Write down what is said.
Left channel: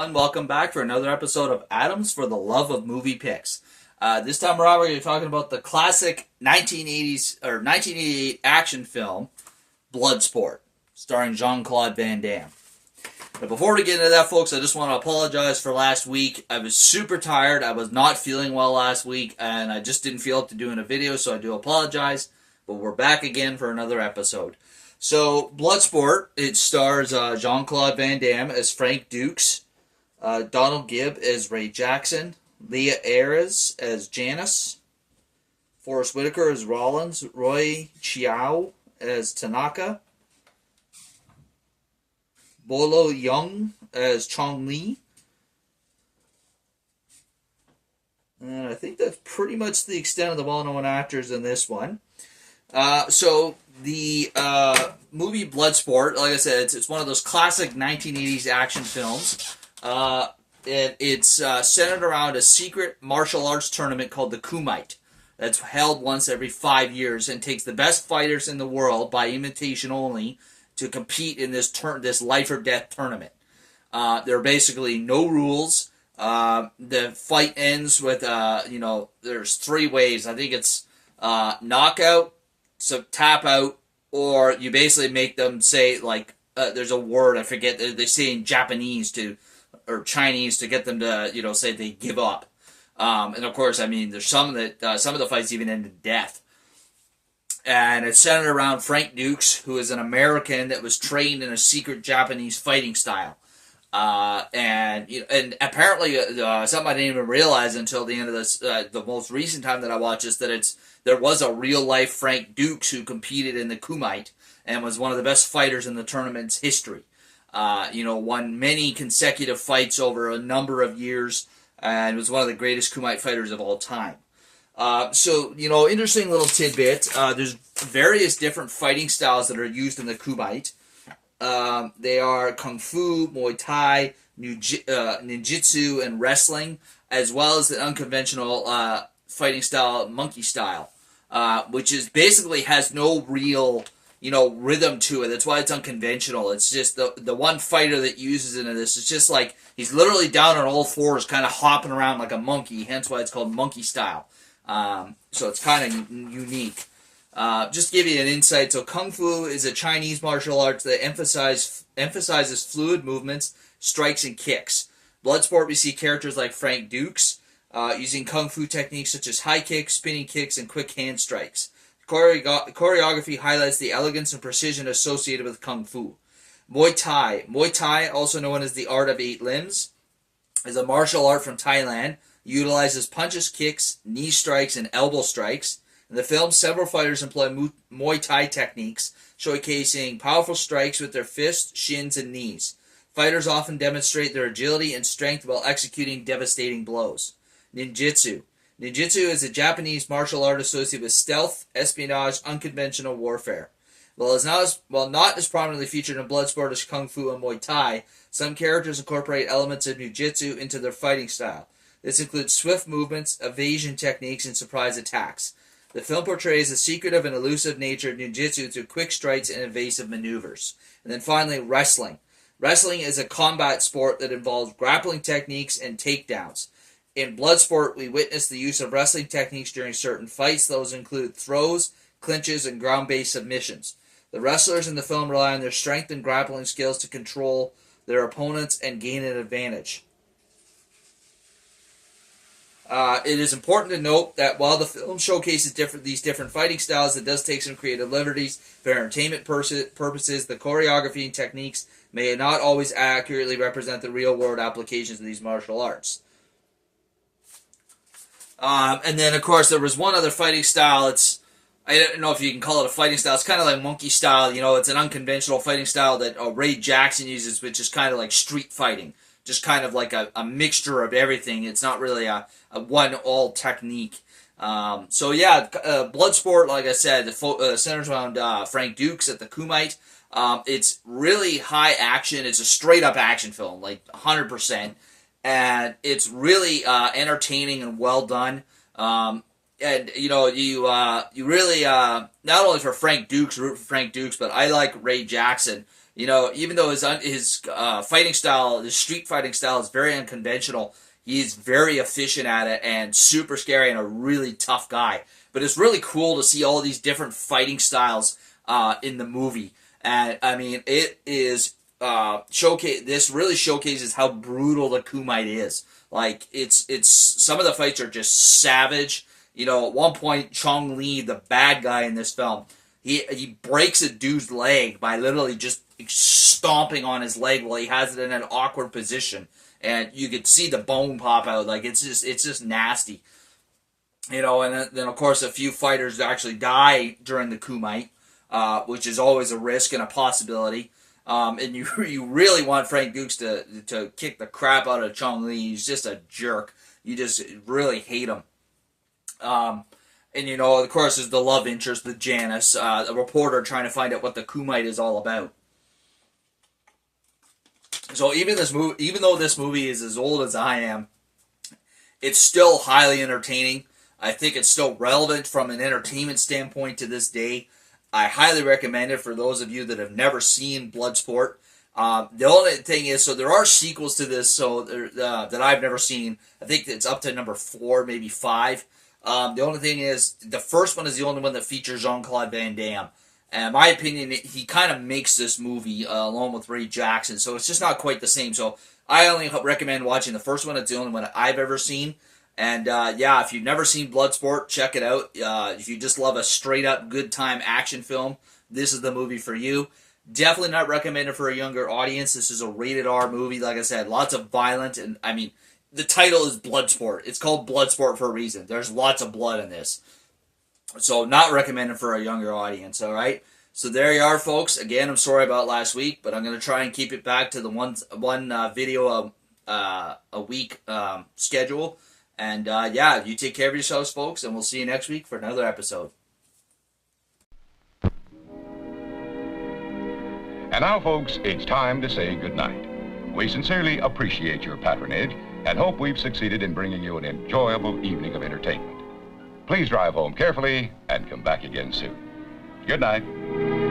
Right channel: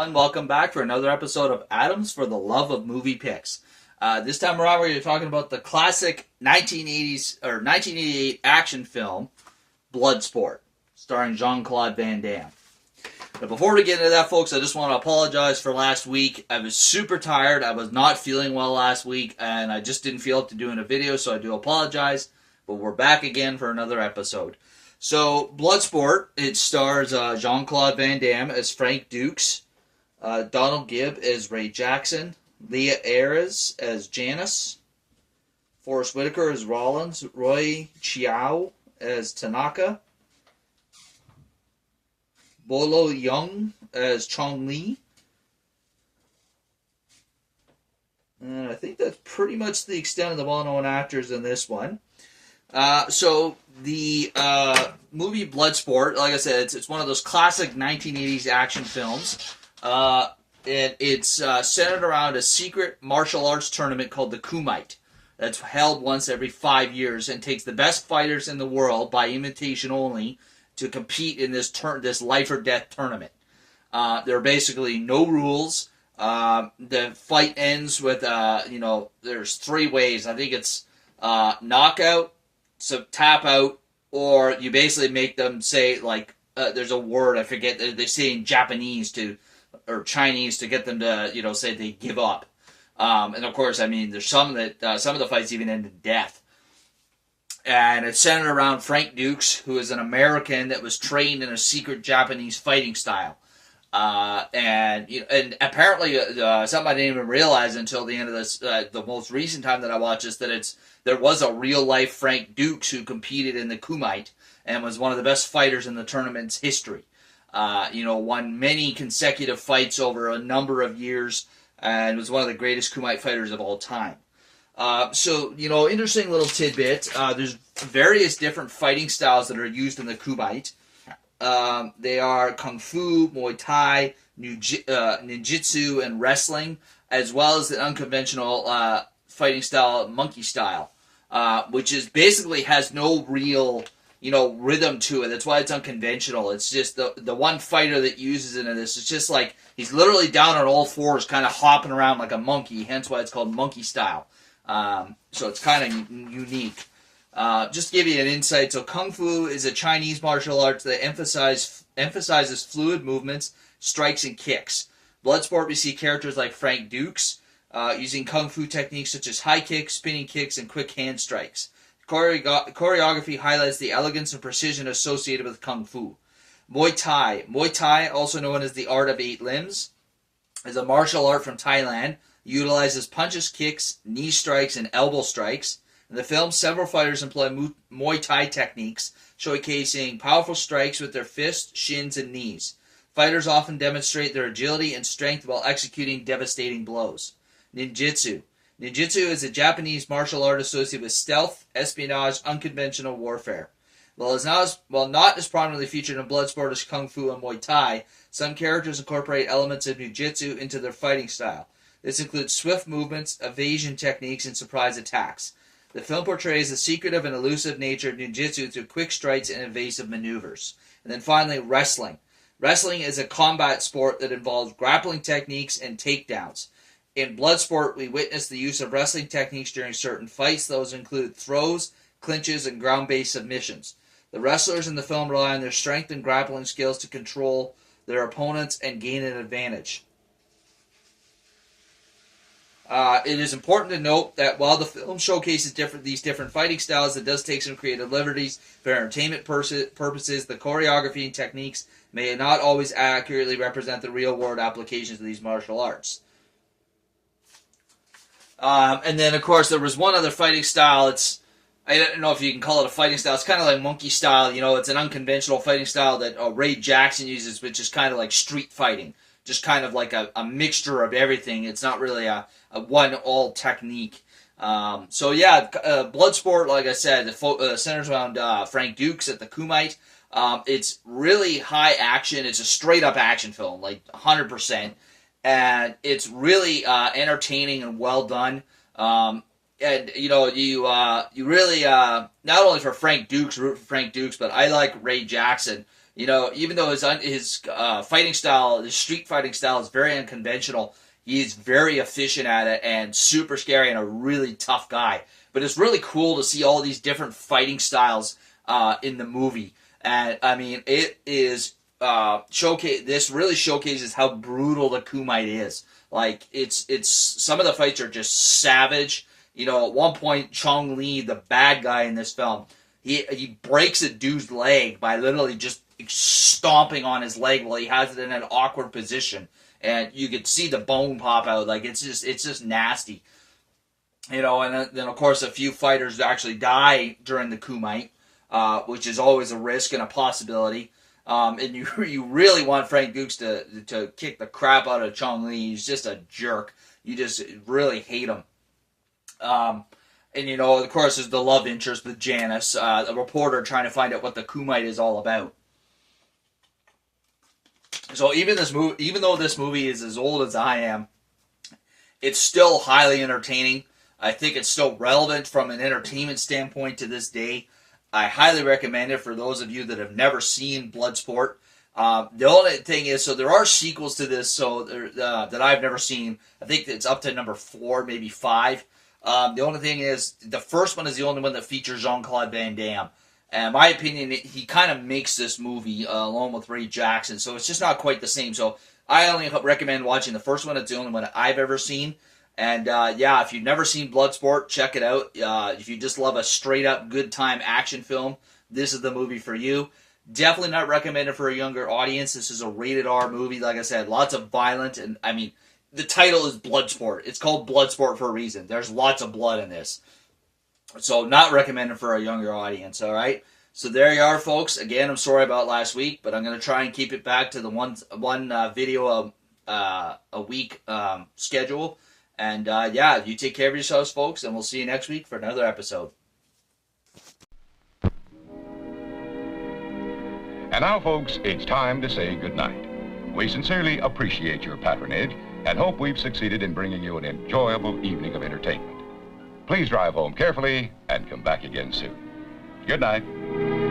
And welcome back for another episode of Atoms for the Love of Movie Picks. This time around, we're talking about the classic 1980s or 1988 action film Bloodsport, starring Jean-Claude Van Damme. But before we get into that, folks, I just want to apologize for last week. I was super tired. I was not feeling well last week, and I just didn't feel up to doing a video, so I do apologize. But we're back again for another episode. So, Bloodsport, it stars Jean-Claude Van Damme as Frank Dukes, Donald Gibb as Ray Jackson, Leah Ayres as Janice, Forrest Whitaker as Rollins, Roy Chiao as Tanaka, Bolo Young as Chong Li, and I think that's pretty much the extent of the well-known actors in this one. So the movie Bloodsport, like I said, it's one of those classic 1980s action films. It's centered around a secret martial arts tournament called the Kumite that's held once every 5 years and takes the best fighters in the world by invitation only to compete in this life or death tournament. There are basically no rules. The fight ends with there's three ways. I think it's knockout, so tap out, or you basically make them say there's a word I forget. They say in Japanese or Chinese to get them to say they give up. And of course, I mean, there's some of the fights even end in death. And it's centered around Frank Dukes, who is an American that was trained in a secret Japanese fighting style. And apparently something I didn't even realize until the end of this, the most recent time that I watched this, that there was a real life Frank Dukes who competed in the Kumite and was one of the best fighters in the tournament's history. Won many consecutive fights over a number of years and was one of the greatest Kumite fighters of all time. Interesting little tidbit. There's various different fighting styles that are used in the Kumite. They are Kung Fu, Muay Thai, Ninjutsu, and wrestling, as well as the unconventional fighting style, Monkey style, which is basically has no real rhythm to it. That's why it's unconventional. It's just the one fighter that uses it in this. It's just like he's literally down on all fours, kind of hopping around like a monkey. Hence why it's called monkey style. So it's kind of unique. Just to give you an insight, so Kung Fu is a Chinese martial arts that emphasizes fluid movements, strikes, and kicks. Bloodsport, we see characters like Frank Dukes using Kung Fu techniques such as high kicks, spinning kicks, and quick hand strikes. Choreography highlights the elegance and precision associated with Kung Fu. Muay Thai, also known as the art of eight limbs, is a martial art from Thailand. Utilizes punches, kicks, knee strikes, and elbow strikes. In the film, several fighters employ Muay Thai techniques, showcasing powerful strikes with their fists, shins, and knees. Fighters often demonstrate their agility and strength while executing devastating blows. Ninjutsu is a Japanese martial art associated with stealth, espionage, unconventional warfare. While not as prominently featured in Bloodsport as Kung Fu and Muay Thai, some characters incorporate elements of Ninjutsu into their fighting style. This includes swift movements, evasion techniques, and surprise attacks. The film portrays the secretive and elusive nature of ninjutsu through quick strikes and evasive maneuvers. And then finally, wrestling. Wrestling is a combat sport that involves grappling techniques and takedowns. In Bloodsport, we witness the use of wrestling techniques during certain fights. Those include throws, clinches, and ground-based submissions. The wrestlers in the film rely on their strength and grappling skills to control their opponents and gain an advantage. It is important to note that while the film showcases these different fighting styles, it does take some creative liberties for entertainment purposes. The choreography and techniques may not always accurately represent the real-world applications of these martial arts. And then, of course, there was one other fighting style. I don't know if you can call it a fighting style. It's kind of like monkey style. It's an unconventional fighting style that Ray Jackson uses, which is kind of like street fighting. Just kind of like a mixture of everything. It's not really a one-all technique. Bloodsport, like I said, centers around Frank Dukes at the Kumite. It's really high action. It's a straight-up action film, like 100%. And it's really entertaining and well done. And you really not only for Frank Dukes, root for Frank Dukes, but I like Ray Jackson You know, even though his fighting style, his street fighting style, is very unconventional, he's very efficient at it and super scary and a really tough guy. But it's really cool to see all these different fighting styles in the movie. And I mean, it is showcase. This really showcases how brutal the Kumite is. Like it's some of the fights are just savage. You know, at one point, Chong Li, the bad guy in this film, he breaks a dude's leg by literally just stomping on his leg while he has it in an awkward position, and you could see the bone pop out. Like it's just nasty. You know, and then of course a few fighters actually die during the Kumite, which is always a risk and a possibility. And you really want Frank Dukes to kick the crap out of Chong Li. He's just a jerk. You just really hate him. And you know, of course, there's the love interest, the Janice, a reporter trying to find out what the Kumite is all about. So even though this movie is as old as I am, it's still highly entertaining. I think it's still relevant from an entertainment standpoint to this day. I highly recommend it for those of you that have never seen Bloodsport. The only thing is, so there are sequels to this, so that I've never seen. I think it's up to number 4, maybe 5. The only thing is, the first one is the only one that features Jean-Claude Van Damme. And in my opinion, he kind of makes this movie along with Ray Jackson, so it's just not quite the same. So I only recommend watching the first one. It's the only one I've ever seen. And yeah, if you've never seen Bloodsport, check it out. If you just love a straight-up good-time action film, this is the movie for you. Definitely not recommended for a younger audience. This is a rated R movie. Like I said, lots of violence. And, I mean, the title is Bloodsport. It's called Bloodsport for a reason. There's lots of blood in this. So not recommended for a younger audience, all right? So there you are, folks. Again, I'm sorry about last week, but I'm going to try and keep it back to the one video a week schedule. And yeah, you take care of yourselves, folks, and we'll see you next week for another episode. And now, folks, it's time to say goodnight. We sincerely appreciate your patronage and hope we've succeeded in bringing you an enjoyable evening of entertainment. Please drive home carefully and come back again soon. Good night.